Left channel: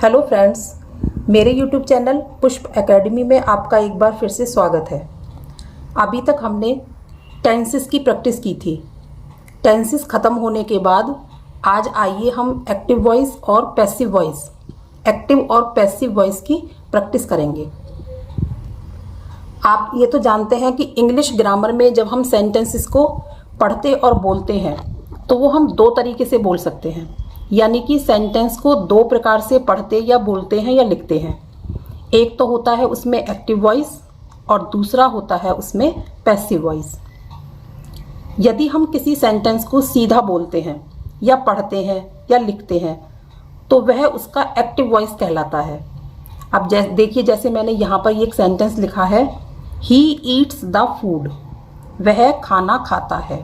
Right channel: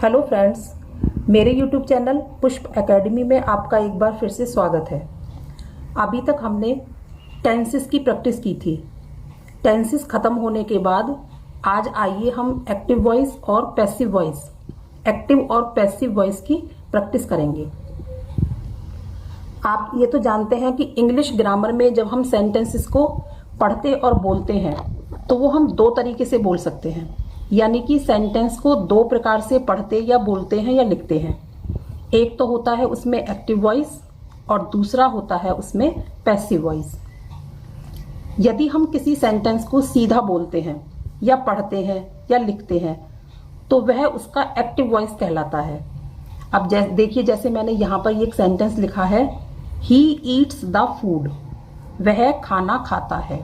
Hello friends, मेरे YouTube channel पुष्प academy में आपका एक बार फिर से स्वागत है। अभी तक हमने टेंसेस की प्रैक्टिस की थी। टेंसेस ख़त्म होने के बाद आज आइए हम एक्टिव वॉइस और पैसिव वॉइस की प्रैक्टिस करेंगे। आप ये तो जानते हैं कि इंग्लिश ग्रामर में जब हम सेंटेंसेस को पढ़ते और बोलते हैं तो वो हम दो तरीके से बोल सकते हैं, यानी कि सेंटेंस को दो प्रकार से पढ़ते या बोलते हैं या लिखते हैं। एक तो होता है उसमें एक्टिव वॉइस और दूसरा होता है उसमें पैसिव वॉइस। यदि हम किसी सेंटेंस को सीधा बोलते हैं या पढ़ते हैं या लिखते हैं तो वह उसका एक्टिव वॉइस कहलाता है। अब देखिए, जैसे मैंने यहाँ पर एक सेंटेंस लिखा है, ही ईट्स द फूड, वह खाना खाता है।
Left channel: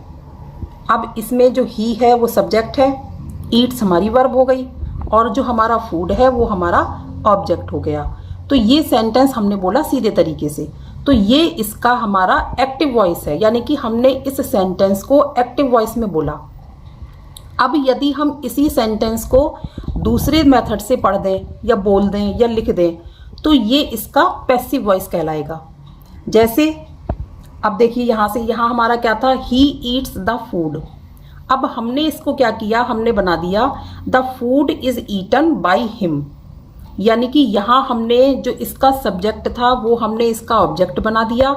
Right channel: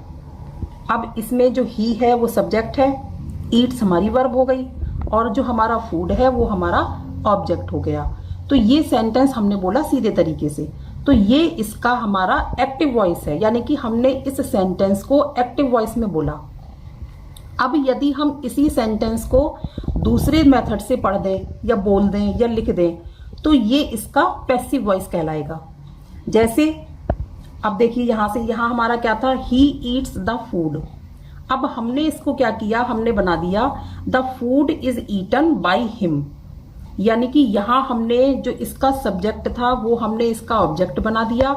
अब इसमें जो ही है वो सब्जेक्ट है, ईट्स हमारी वर्ब हो गई और जो हमारा फूड है वो हमारा ऑब्जेक्ट हो गया। तो ये सेंटेंस हमने बोला सीधे तरीके से, तो ये इसका हमारा एक्टिव वॉइस है, यानी कि हमने इस सेंटेंस को एक्टिव वॉइस में बोला। अब यदि हम इसी सेंटेंस को दूसरे मेथड से पढ़ दें या बोल दें या लिख दें तो ये इसका पैसिव वॉइस कहलाएगा। जैसे अब देखिए, यहाँ से यहाँ हमारा क्या था, ही ईट्स द फूड। अब हमने इसको क्या किया, हमने बना दिया the food is eaten by him, यानी कि यहाँ हमने जो इसका सब्जेक्ट था वो हमने इसका ऑब्जेक्ट बना दिया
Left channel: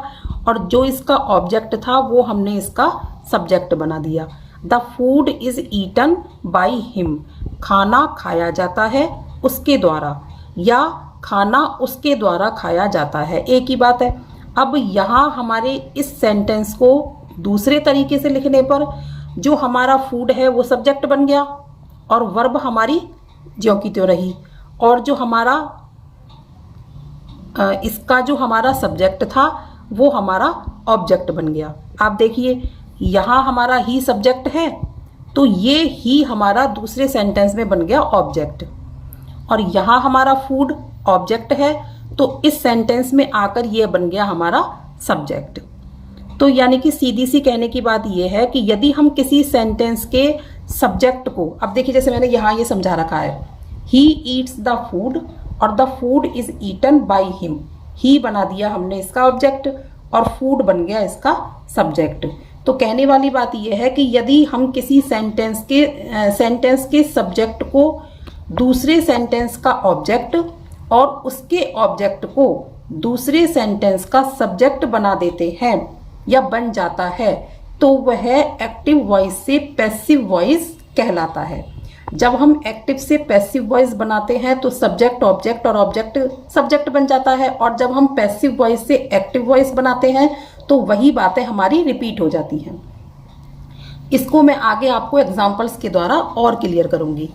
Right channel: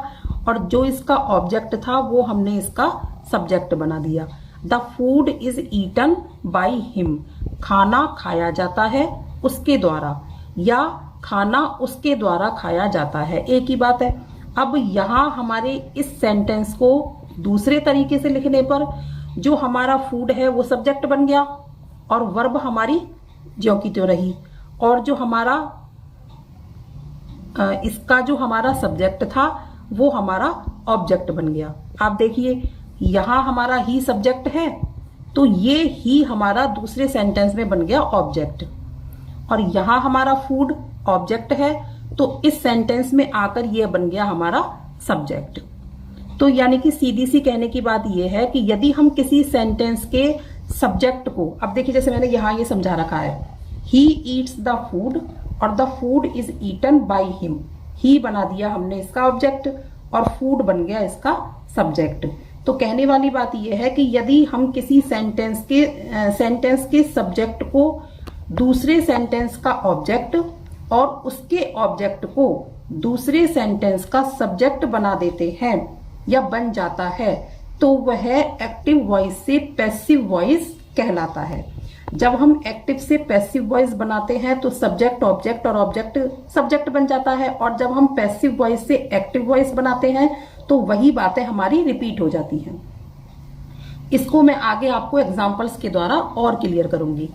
और जो इसका ऑब्जेक्ट था वो हमने इसका सब्जेक्ट बना दिया। The food is eaten by him, खाना खाया जाता है उसके द्वारा या खाना उसके द्वारा खाया जाता है, एक ही बात है। अब यहाँ हमारे इस सेंटेंस को दूसरे तरीके से लिखने पर जो हमारा फूड है वो सब्जेक्ट बन गया और वर्ब हमारी ज्यों की त्यों रही, और जो हमारा इसका जो हमारा सब्जेक्ट था वो हमारा ऑब्जेक्ट बन गया। आप देखिए, यहाँ हमारा ही सब्जेक्ट है तो ये ही हमारा दूसरे सेंटेंस में बन गया ऑब्जेक्ट, और यहाँ हमारा फूड ऑब्जेक्ट है तो इस सेंटेंस में आकर ये बन गया हमारा सब्जेक्ट। तो यानी कि सीधी सी कहने की बात यह है कि यदि हम किसी सेंटेंस के सब्जेक्ट को, अब देखिए जैसे मैंने यहाँ ये समझा रखा है, ही ईट्स द फूड और the food is eaten by him, he बना दिया हमने इसका ऑब्जेक्ट और फूड बन गया इसका सब्जेक्ट। तो कहने वाली बात यह है कि यदि हम किसी सेंटेंस के सब्जेक्ट को दूसरे सेंटेंस का ऑब्जेक्ट और उसके ऑब्जेक्ट को दूसरे सेंटेंस का सब्जेक्ट बना देते हैं या बन जाता है तो वह एक्टिव वॉइस से पैसिव वॉइस कहलाता है। जब हम एक्टिव से पैसिव वॉइस बनाते हैं तो सब्जेक्ट ऑब्जेक्ट और ऑब्जेक्ट सब्जेक्ट बन जाता है, और जब हम पैसिव वॉइस से एक्टिव वॉइस बनाते हैं तो वही बातें हमारी रिपीट हो जाती हैं। इसको मैं आगे आपको एग्जांपल्स के द्वारा और क्लियर करूंगी।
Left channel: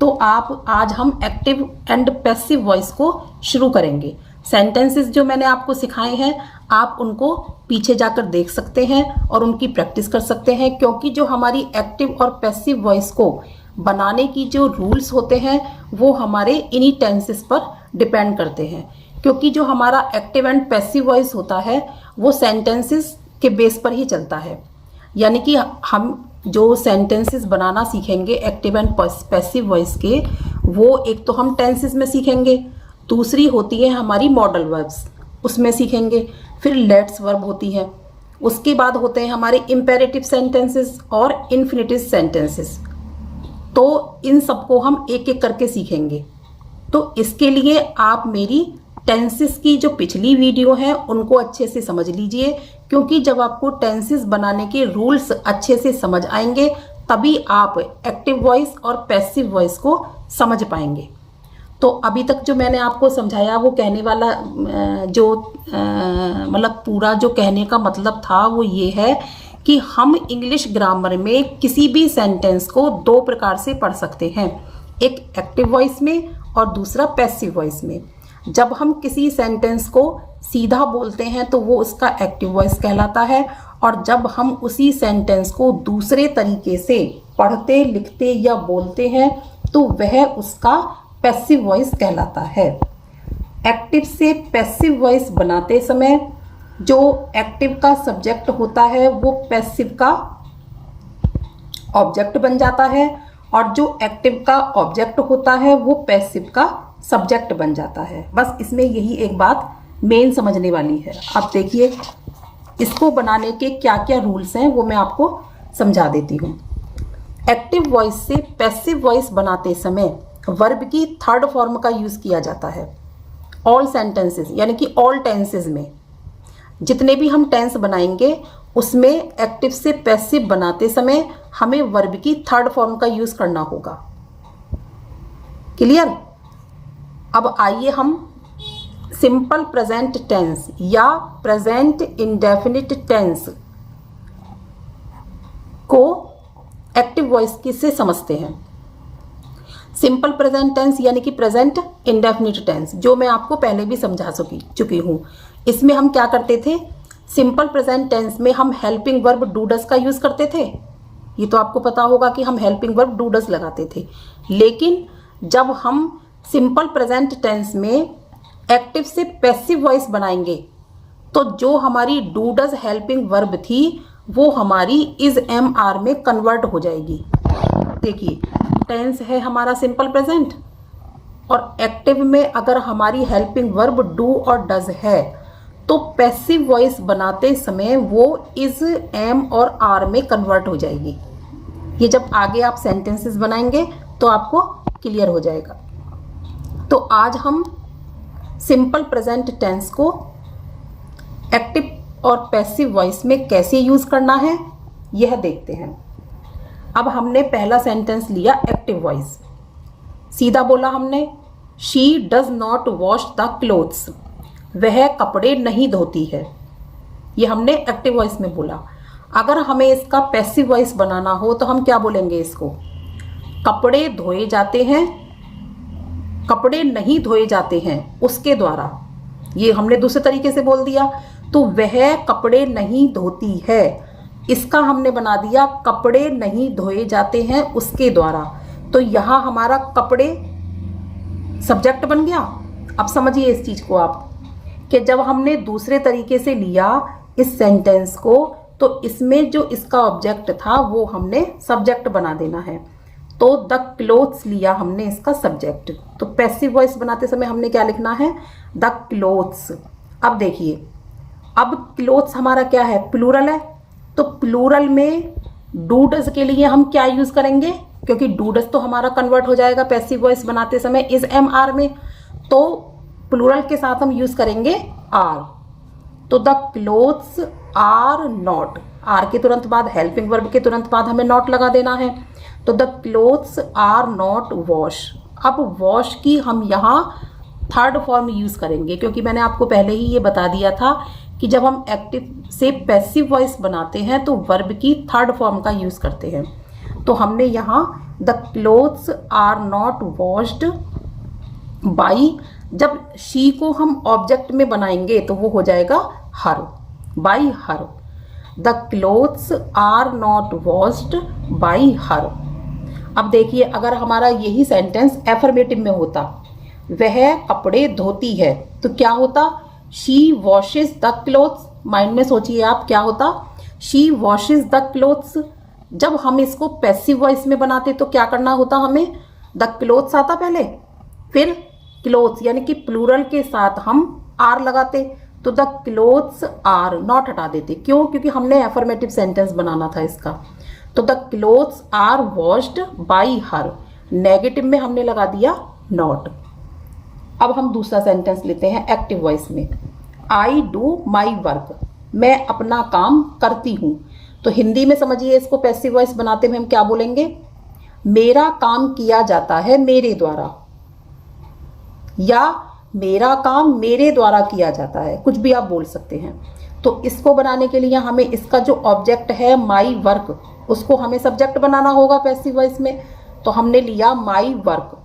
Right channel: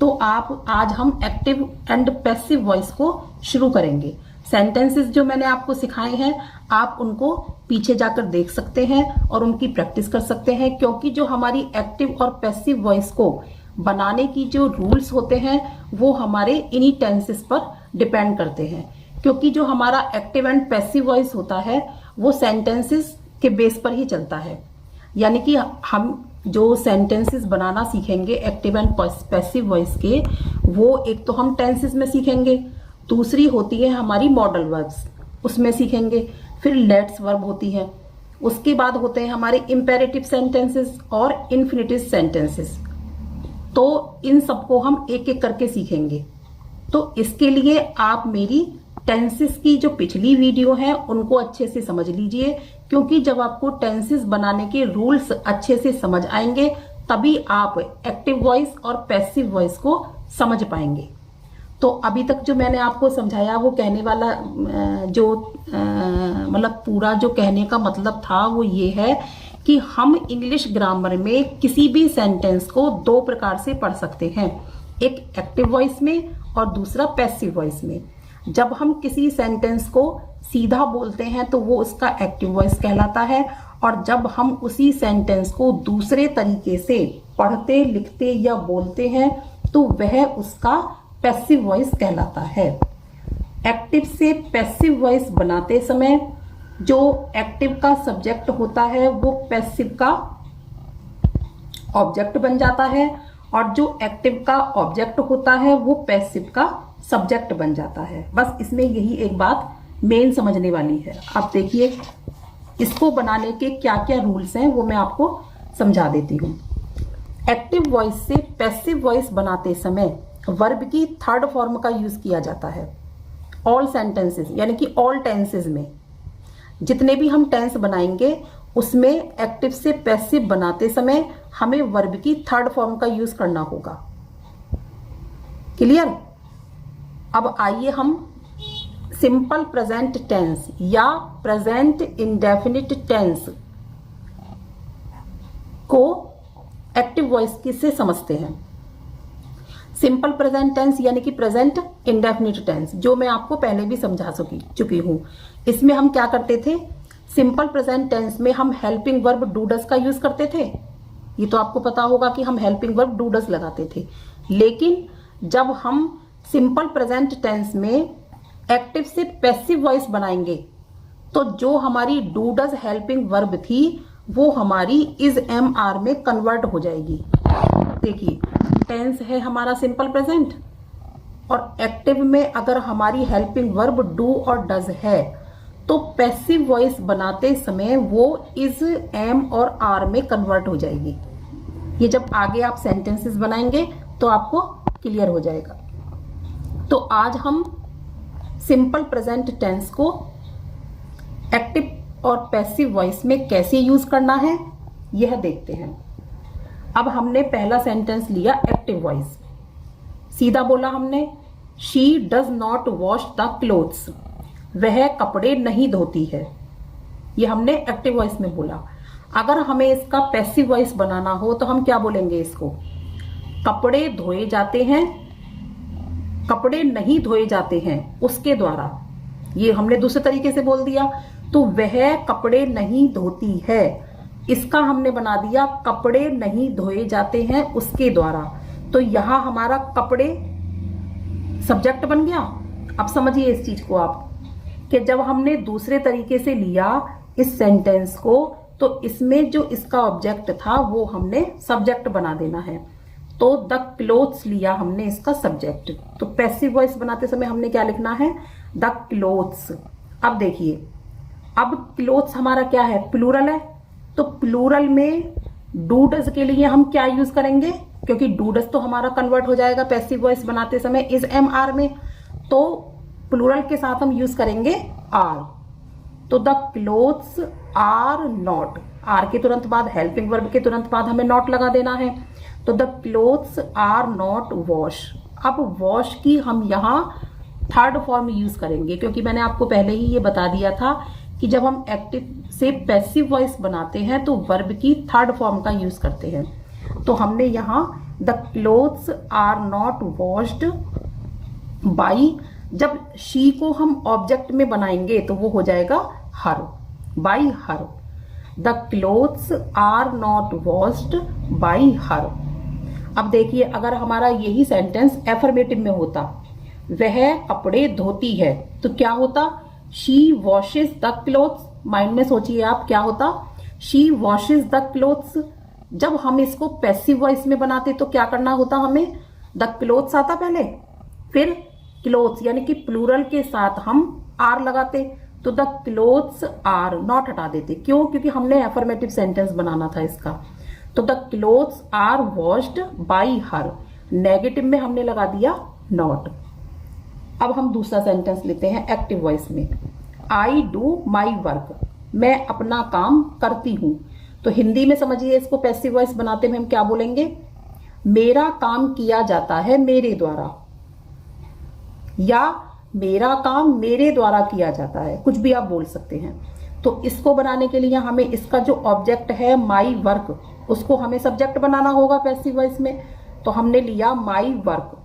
तो आज हम एक्टिव एंड पैसिव वॉइस को शुरू करेंगे। सेंटेंसेस जो मैंने आपको सिखाए हैं आप उनको पीछे जाकर देख सकते हैं और उनकी प्रैक्टिस कर सकते हैं, क्योंकि जो हमारी एक्टिव और पैसिव वॉइस को बनाने की जो रूल्स होते हैं वो हमारे इन्हीं टेंसेस पर डिपेंड करते हैं। क्योंकि जो हमारा एक्टिव एंड पैसिव वॉइस होता है वो सेंटेंसेस के बेस पर ही चलता है, यानी कि हम जो सेंटेंसेस बनाना सीखेंगे एक्टिव एंड पैसिव वॉइस के, वो एक तो हम टेंसेस में सीखेंगे, दूसरी होती है हमारी मॉडल वर्ब्स, उसमें सीखेंगे, फिर लेट्स वर्ब होती है, उसके बाद होते हैं हमारे इंपेरेटिव सेंटेंसेस और इन्फिनिटिव सेंटेंसेस। तो इन सबको हम एक एक करके सीखेंगे। तो इसके लिए आप मेरी टेंसेस की जो पिछली वीडियो है उनको अच्छे से समझ लीजिए, क्योंकि जब आपको टेंसेस बनाने के रूल्स अच्छे से समझ आएंगे तभी आप एक्टिव वॉइस और पैसिव वॉइस को समझ पाएंगे। तो अभी तक जो मैंने आपको समझाया वो कहने वाला मतलब पूरा जो कहने का मतलब था वो ये है कि हम इंग्लिश ग्रामर में किसी भी सेंटेंस को दो प्रकार से पढ़ सकते हैं, एक एक्टिव वॉइस में और दूसरा पैसिव वॉइस में। जब हम किसी सेंटेंस को सीधा बोलते हैं तो वो उसका एक्टिव वॉइस कहलाता है, और जब हम उसी सेंटेंस को दूसरे तरीके से पढ़ते लिखते या बोलते हैं तो वह उसका पैसिव वॉइस कहलाता है। एक्टिव से पैसिव वॉइस बनाते समय जो एक्टिव का सब्जेक्ट होता है वो पैसिव का ऑब्जेक्ट बन जाता है, और जो एक्टिव का ऑब्जेक्ट होता है वो पैसिव का सब्जेक्ट बन जाता है। बस इसमें यही एक बात मेन समझने वाली है। आप देखिए इसको बनाने के क्या क्या रूल्स हैं वो मैं आपको समझा देती हूँ। एक्टिव वॉइस से पैसिव वॉइस बनाते समय वर्ब की थर्ड फॉर्म का यूज किया जाता है। ऑल सेंटेंसेस यानी कि ऑल टेंसेस में जितने भी हम टेंस बनाएंगे उसमें एक्टिव से पैसिव बनाते समय हमें वर्ब की थर्ड फॉर्म का यूज करना होगा। क्लियर? अब आइए हम सिंपल प्रेजेंट टेंस या प्रेजेंट इंडेफिनिट टेंस को एक्टिव वॉइस से समझते हैं। सिंपल प्रेजेंट टेंस यानी कि प्रेजेंट इंडेफिनिट टेंस जो मैं आपको पहले भी समझा चुकी हूं। इसमें हम क्या करते थे? सिंपल प्रेजेंट टेंस में हम हेल्पिंग वर्ब डू डज का यूज करते थे। ये तो आपको पता होगा कि हम हेल्पिंग वर्ब डू डज लगाते थे। लेकिन जब हम सिंपल प्रेजेंट टेंस में एक्टिव से पैसिव वॉइस बनाएंगे तो जो हमारी डू डज हेल्पिंग वर्ब थी वो हमारी इज एम आर में कन्वर्ट हो जाएगी। देखिए टेंस है हमारा सिंपल प्रेजेंट और एक्टिव में अगर हमारी हेल्पिंग वर्ब डू और डज है तो पैसिव वॉइस बनाते समय वो इज एम और आर में कन्वर्ट हो जाएगी। ये जब आगे आप सेंटेंसेस बनाएंगे तो आपको क्लियर हो जाएगा। तो आज हम सिंपल प्रेजेंट टेंस को एक्टिव और पैसिव वॉइस में कैसे यूज करना है यह देखते हैं। अब हमने पहला सेंटेंस लिया एक्टिव वॉइस। सीधा बोला हमने she does not wash the clothes, वह कपड़े नहीं धोती है। ये हमने एक्टिव वॉइस में बोला। अगर हमें इसका पैसिव वॉइस बनाना हो तो हम क्या बोलेंगे? इसको कपड़े धोए जाते हैं, कपड़े नहीं धोए जाते हैं उसके द्वारा। ये हमने दूसरे तरीके से बोल दिया। तो वह कपड़े नहीं धोती है, इसका हमने बना दिया कपड़े नहीं धोए जाते हैं उसके द्वारा। तो यहां हमारा कपड़े सब्जेक्ट बन गया। अब समझिए इस चीज को आप कि जब हमने दूसरे तरीके से लिया इस सेंटेंस को तो इसमें जो इसका ऑब्जेक्ट था वो हमने सब्जेक्ट बना देना है। तो द क्लोथ्स लिया हमने इसका सब्जेक्ट। तो पैसिव वॉइस बनाते समय हमने क्या लिखना है? The clothes. अब देखिए अब क्लोथ्स हमारा क्या है? प्लूरल है। तो प्लूरल में डू डज के लिए हम क्या यूज करेंगे? क्योंकि डू डज तो हमारा कन्वर्ट हो जाएगा पैसिव वॉइस बनाते समय इज एम आर में, तो प्लूरल के साथ हम यूज करेंगे आर। तो the clothes are not, are के तुरंत बाद हेल्पिंग वर्ब के तुरंत बाद हमें नॉट लगा देना है। तो the clothes are not wash. अब वॉश की हम यहाँ थर्ड फॉर्म यूज करेंगे क्योंकि मैंने आपको पहले ही ये बता दिया था कि जब हम एक्टिव से पैसिव वॉइस बनाते हैं तो वर्ब की थर्ड फॉर्म का यूज करते हैं। तो हमने यहाँ the clothes are not washed by, जब शी को हम ऑब्जेक्ट में बनाएंगे तो वो हो जाएगा her, by her. The clothes are not washed by her. अब देखिए अगर हमारा यही सेंटेंस एफर्मेटिव में होता, वह कपड़े धोती है, तो क्या होता? She washes the clothes. Mind में सोचिए आप क्या होता? She washes the clothes. जब हम इसको पैसिव वॉइस में बनाते तो क्या करना होता? हमें द क्लोथ्स आता पहले, फिर क्लोथ्स यानी कि प्लूरल के साथ हम आर लगाते। तो द क्लोथ्स आर नॉट हटा देते। क्यों? क्योंकि हमने एफर्मेटिव सेंटेंस बनाना था इसका। तो the clothes are washed by her, negative में हमने लगा दिया नॉट। अब हम दूसरा सेंटेंस लेते हैं एक्टिव वॉइस में। आई डू माई वर्क, मैं अपना काम करती हूं। तो हिंदी में समझिए इसको पैसिव वॉइस बनाते हुए हम क्या बोलेंगे? मेरा काम किया जाता है मेरे द्वारा, या मेरा काम मेरे द्वारा किया जाता है, कुछ भी आप बोल सकते हैं। तो इसको बनाने के लिए हमें इसका जो ऑब्जेक्ट है माई वर्क, उसको हमें सब्जेक्ट बनाना होगा पैसिव वॉइस में। तो हमने लिया माई वर्क,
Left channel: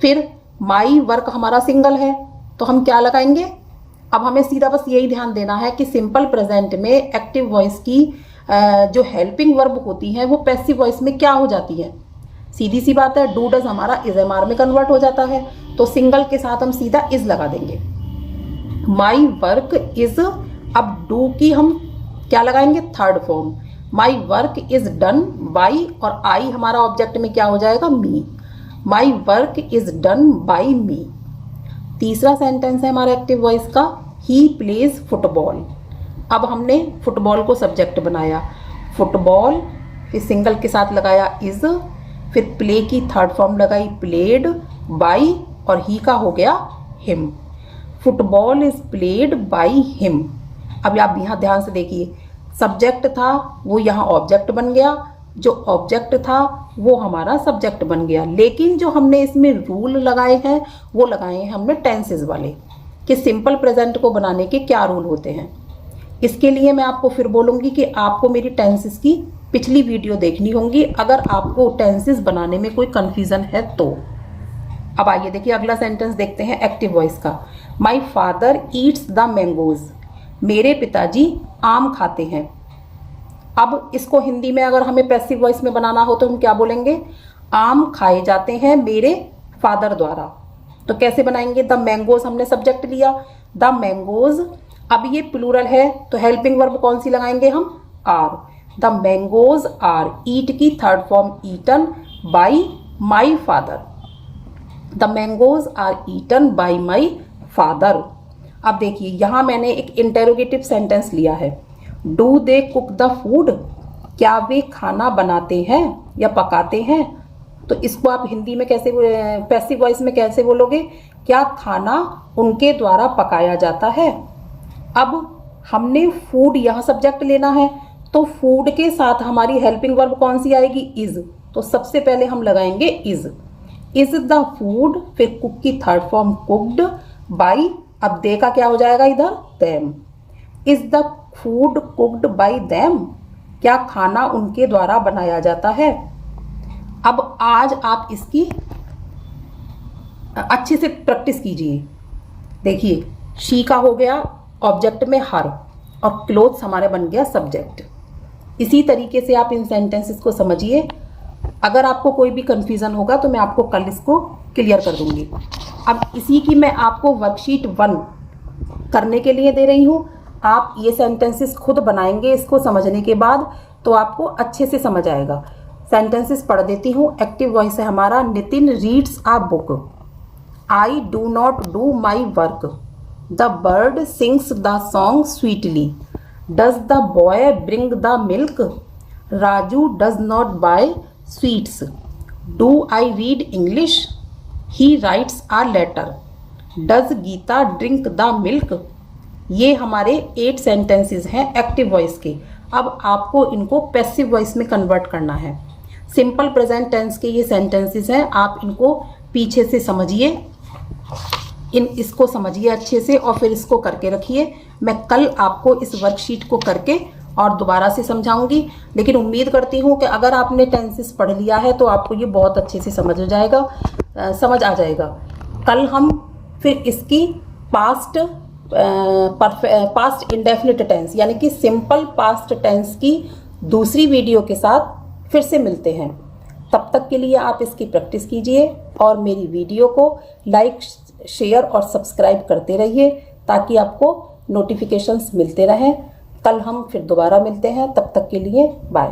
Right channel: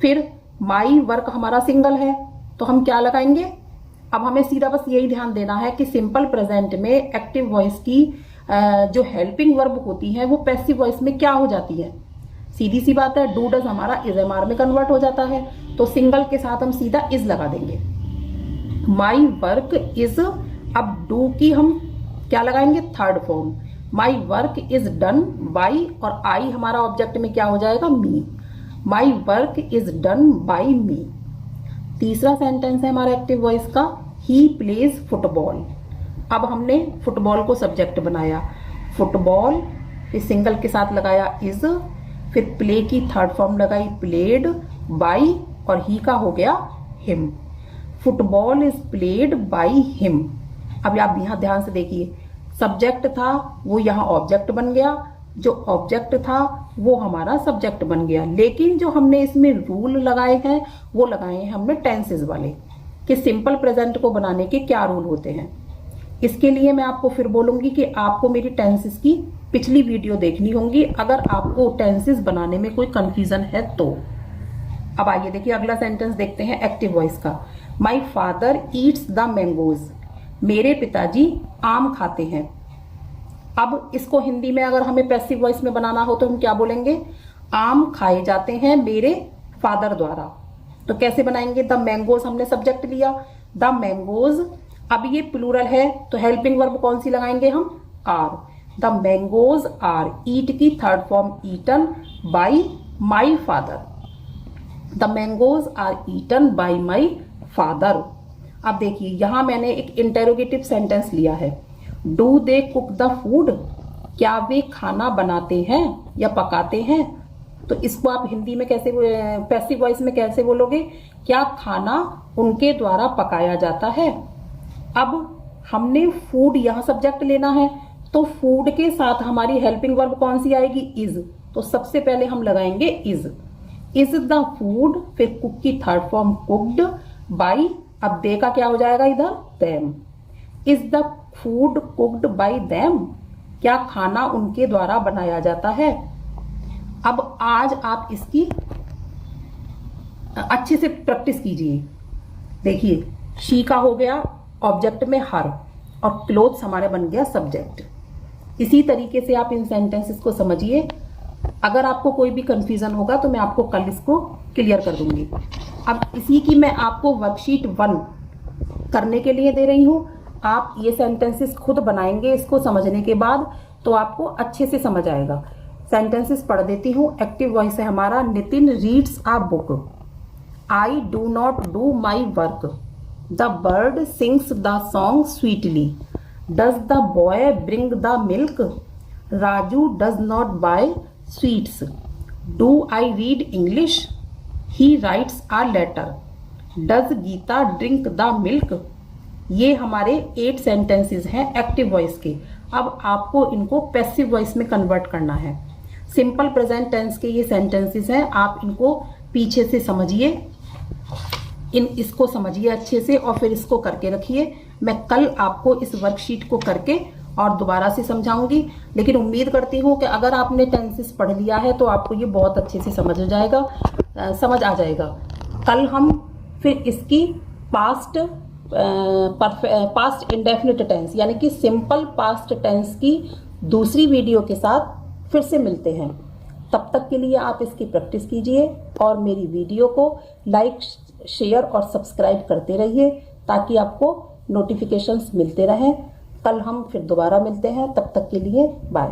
फिर माई वर्क हमारा सिंगल है तो हम क्या लगाएंगे? अब हमें सीधा बस यही ध्यान देना है कि सिंपल प्रेजेंट में एक्टिव वॉइस की जो हेल्पिंग वर्ब होती है वो पैसिव वॉइस में क्या हो जाती है? सीधी सी बात है, डू डज हमारा इज एम आर में कन्वर्ट हो जाता है। तो सिंगल के साथ हम सीधा इज लगा देंगे। माई वर्क इज, अब डू की हम क्या लगाएंगे? Third form. My work is done by, और आई हमारा ऑब्जेक्ट में क्या हो जाएगा? Me. My work is done by me. तीसरा सेंटेंस है हमारा एक्टिव वॉइस का, ही प्लेज फुटबॉल। अब हमने फुटबॉल को सब्जेक्ट बनाया, फुटबॉल, फिर सिंगल के साथ लगाया इज, फिर प्ले की थर्ड फॉर्म लगाई प्लेड, बाई, और ही का हो गया him. Football is played by him. अब आप यहाँ ध्यान से देखिए, सब्जेक्ट था वो यहाँ ऑब्जेक्ट बन गया, जो ऑब्जेक्ट था वो हमारा सब्जेक्ट बन गया। लेकिन जो हमने इसमें रूल लगाए हैं वो लगाए हैं हमने टेंसेस वाले, कि सिंपल प्रेजेंट को बनाने के क्या रूल होते हैं। इसके लिए मैं आपको फिर बोलूँगी कि आपको मेरी टेंसेस की पिछली वीडियो देखनी होंगी अगर आपको टेंसेस बनाने में कोई कन्फ्यूज़न है तो। अब आइए देखिए अगला सेंटेंस देखते हैं एक्टिव वॉइस का। My father eats the mangoes. मेरे पिताजी आम खाते हैं। अब इसको हिंदी में अगर हमें पैसिव वॉइस में बनाना हो तो हम क्या बोलेंगे, आम खाए जाते हैं मेरे फादर द्वारा। तो कैसे बनाएंगे, द मैंगोज हमने सब्जेक्ट लिया, द मैंगोज। अब ये प्लूरल है तो हेल्पिंग वर्ब कौन सी लगाएंगे हम, are. The mangoes are, eat की third form eaten by my father. The mangoes are eaten by my father. अब देखिए यहाँ मैंने एक इंटेरोगेटिव सेंटेंस लिया है, do they cook the food, क्या वे खाना बनाते हैं या पकाते हैं। तो इसको आप हिंदी में कैसे, पैसिव वॉइस में कैसे बोलोगे, क्या खाना उनके द्वारा पकाया जाता है। अब हमने फूड यहाँ सब्जेक्ट लेना है, तो फूड के साथ हमारी हेल्पिंग वर्ब कौन सी आएगी, इज। तो सबसे पहले हम लगाएंगे इज द फूड, फिर कुक की थर्ड फॉर्म कुक्ड बाई, अब दे का क्या हो जाएगा इधर, them. Is the food cooked by them, क्या खाना उनके द्वारा बनाया जाता है। अब आज आप इसकी अच्छे से प्रैक्टिस कीजिए। देखिए शी का हो गया ऑब्जेक्ट में हर, और क्लोथ्स हमारा बन गया सब्जेक्ट। इसी तरीके से आप इन सेंटेंसेस को समझिए। अगर आपको कोई भी कंफ्यूजन होगा तो मैं आपको कल इसको क्लियर कर दूंगी। अब इसी की मैं आपको वर्कशीट 1 करने के लिए दे रही हूँ। आप ये सेंटेंसेस खुद बनाएंगे, इसको समझने के बाद तो आपको अच्छे से समझ आएगा। सेंटेंसेस पढ़ देती हूँ। एक्टिव वॉइस है हमारा, Nitin reads a book, I do not do my work, the bird sings the song sweetly, does the boy bring the milk, Raju does not buy sweets, do I read English, he writes a letter, does Gita drink the milk. ये हमारे 8 sentences हैं active voice के। अब आपको इनको passive voice में convert करना है। सिंपल प्रेजेंट टेंस के ये सेंटेंसेस हैं, आप इनको पीछे से समझिए, इसको समझिए अच्छे से और फिर इसको करके रखिए। मैं कल आपको इस वर्कशीट को करके और दोबारा से समझाऊंगी। लेकिन उम्मीद करती हूँ कि अगर आपने टेंसेस पढ़ लिया है तो आपको ये बहुत अच्छे से समझ आ जाएगा। कल हम फिर इसकी पास्ट इंडेफिनिट टेंस यानी कि सिंपल पास्ट टेंस की दूसरी वीडियो के साथ फिर से मिलते हैं। तब तक के लिए आप इसकी प्रैक्टिस कीजिए और मेरी वीडियो को लाइक, शेयर और सब्सक्राइब करते रहिए ताकि आपको नोटिफिकेशंस मिलते रहें। कल हम फिर दोबारा मिलते हैं, तब तक के लिए बाय।